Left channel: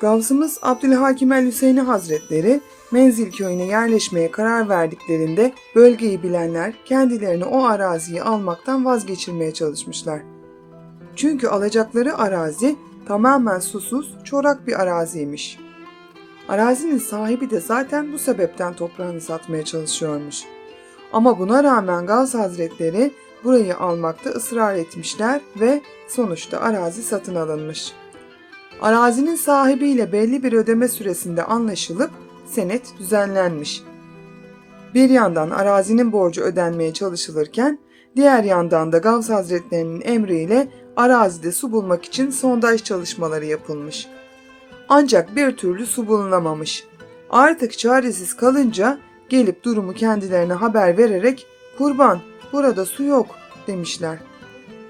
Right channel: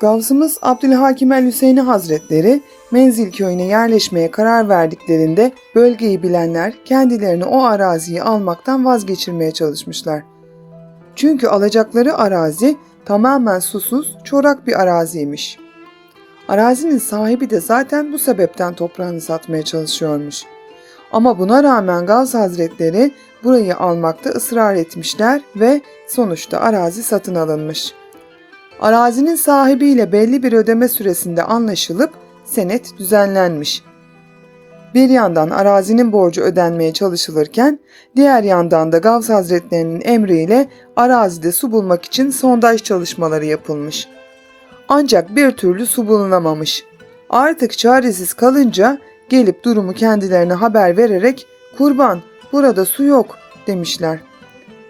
Gavsımız Abdülhakim el Hüseyini Hazretleri Menzil köyüne yerleşmeye karar verdiklerinde bölgeyi bilenler kendilerini o araziyi almaktan vazgeçirmeye çalışmışlar. Çünkü alacakları arazi tamamen susuz, çorak bir araziymiş. Arazinin sahibi de zaten bu sebepten toprağını satmaya çalışıyormuş. Ama buna rağmen Gavs Hazretleri burayı almakta ısrar etmişler ve sonuçta arazi satın alınmış. Arazinin sahibiyle belli bir ödeme süresinde anlaşılıp senet düzenlenmiş. Bir yandan arazinin borcu ödenmeye çalışılırken diğer yandan da Gavs Hazretlerinin emriyle arazide su bulmak için sondaj çalışmaları yapılmış. Ancak bir türlü su bulunamamış. Artık çaresiz kalınca gelip durumu kendilerine haber vererek kurban burada su yok demişler.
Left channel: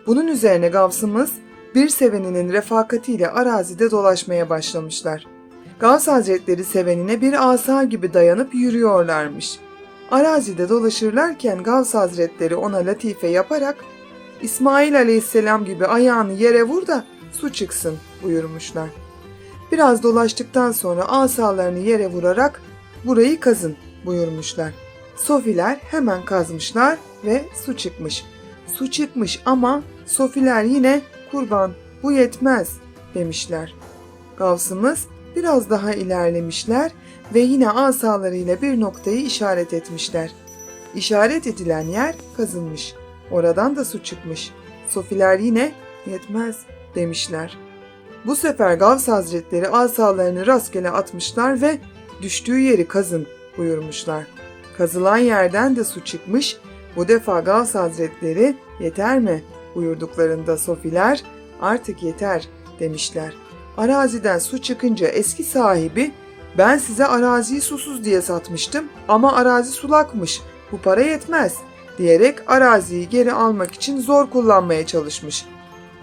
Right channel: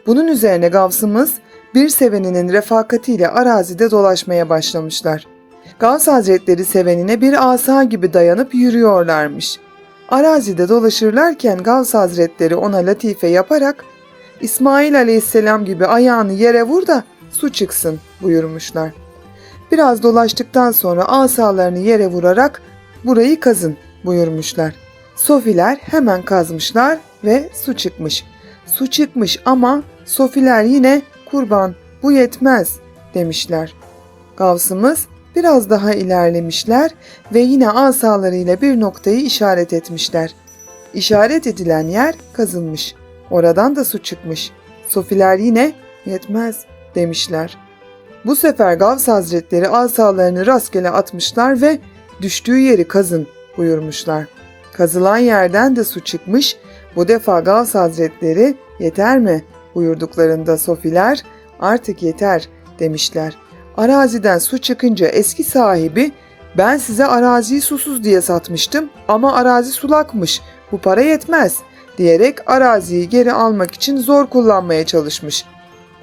Bunun üzerine Gavsımız bir seveninin refakatiyle arazide dolaşmaya başlamışlar. Gavs Hazretleri sevenine bir asa gibi dayanıp yürüyorlarmış. Arazide dolaşırlarken Gavs Hazretleri ona latife yaparak İsmail Aleyhisselam gibi ayağını yere vur da su çıksın buyurmuşlar. Biraz dolaştıktan sonra asalarını yere vurarak burayı kazın buyurmuşlar. Sofiler hemen kazmışlar ve su çıkmış. Su çıkmış ama Sofiler yine kurban bu yetmez demişler. Gavsımız biraz daha ilerlemişler ve yine asalarıyla bir noktayı işaret etmişler. İşaret edilen yer kazılmış. Oradan da su çıkmış. Sofiler yine yetmez demişler. Bu sefer Gavs Hazretleri asalarını rastgele atmışlar ve düştüğü yeri kazın buyurmuşlar. Kazılan yerden de su çıkmış. Bu defa Gavs Hazretleri yeter mi buyurduklarında Sofiler artık yeter demişler. Araziden su çıkınca eski sahibi ben size araziyi susuz diye satmıştım ama arazi sulakmış bu para yetmez diyerek araziyi geri almak için zor kullanmaya çalışmış.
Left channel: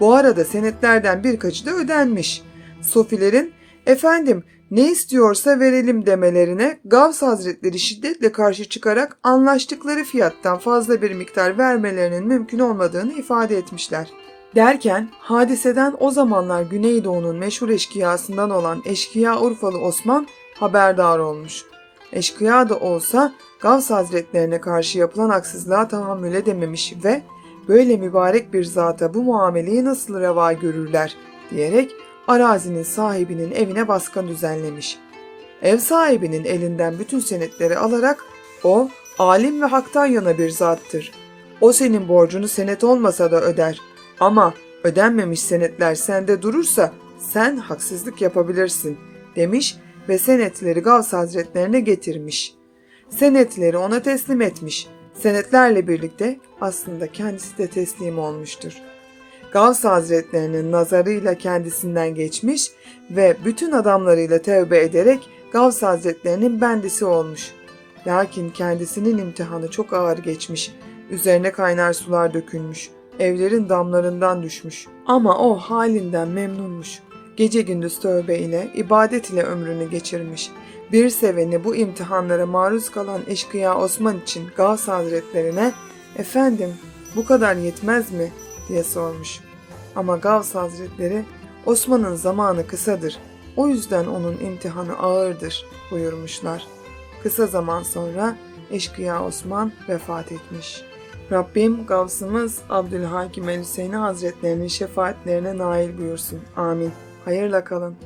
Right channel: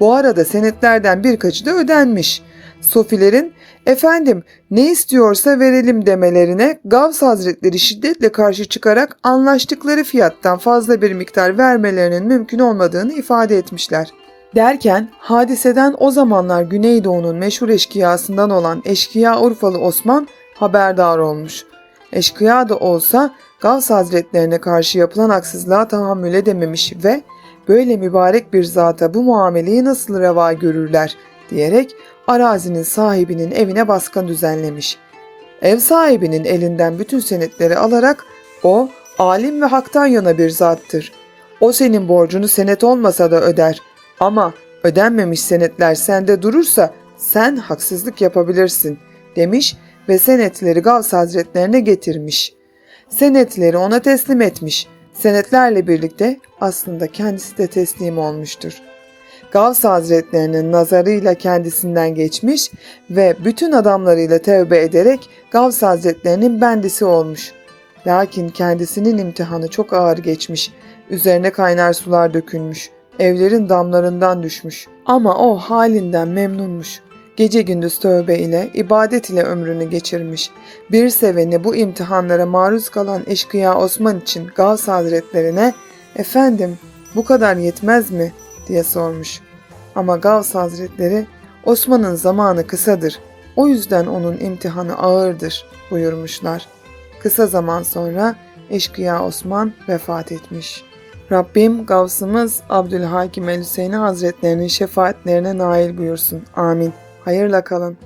Bu arada senetlerden birkaçı da ödenmiş. Sofilerin efendim ne istiyorsa verelim demelerine Gavs Hazretleri şiddetle karşı çıkarak anlaştıkları fiyattan fazla bir miktar vermelerinin mümkün olmadığını ifade etmişler. Derken hadiseden o zamanlar Güneydoğu'nun meşhur eşkıyasından olan eşkıya Urfalı Osman haberdar olmuş. Eşkıya da olsa Gavs Hazretlerine karşı yapılan haksızlığa tahammül edememiş ve böyle mübarek bir zata bu muameleyi nasıl reva görürler diyerek arazinin sahibinin evine baskın düzenlemiş. Ev sahibinin elinden bütün senetleri alarak o alim ve haktan yana bir zattır. O senin borcunu senet olmasa da öder. Ama ödenmemiş senetler sende durursa sen haksızlık yapabilirsin demiş ve senetleri Gavs Hazretlerine getirmiş. Senetleri ona teslim etmiş. Senetlerle birlikte aslında kendisi de teslim olmuştur. Gavs Hazretlerinin nazarıyla kendisinden geçmiş ve bütün adamlarıyla tevbe ederek Gavs Hazretlerinin bendisi olmuş. Lakin kendisinin imtihanı çok ağır geçmiş. Üzerine kaynar sular dökülmüş. Evlerin damlarından düşmüş. Ama o halinden memnunmuş. Gece gündüz tövbe ile, ibadet ile ömrünü geçirmiş. Bir seveni bu imtihanlara maruz kalan eşkıya Osman için Gavs Hazretlerine ''Efendim bu kadar yetmez mi?'' Diye sormuş. Ama Gavs Hazretleri Osman'ın zamanı kısadır. O yüzden onun imtihanı ağırdır buyurmuşlar. Kısa zaman sonra eşkıya Osman vefat etmiş. Rabbim Gavsımız Abdülhakim el Hüseyini Hazretlerinin şefaatlerine nail buyursun. Amin. Hayırla kalın.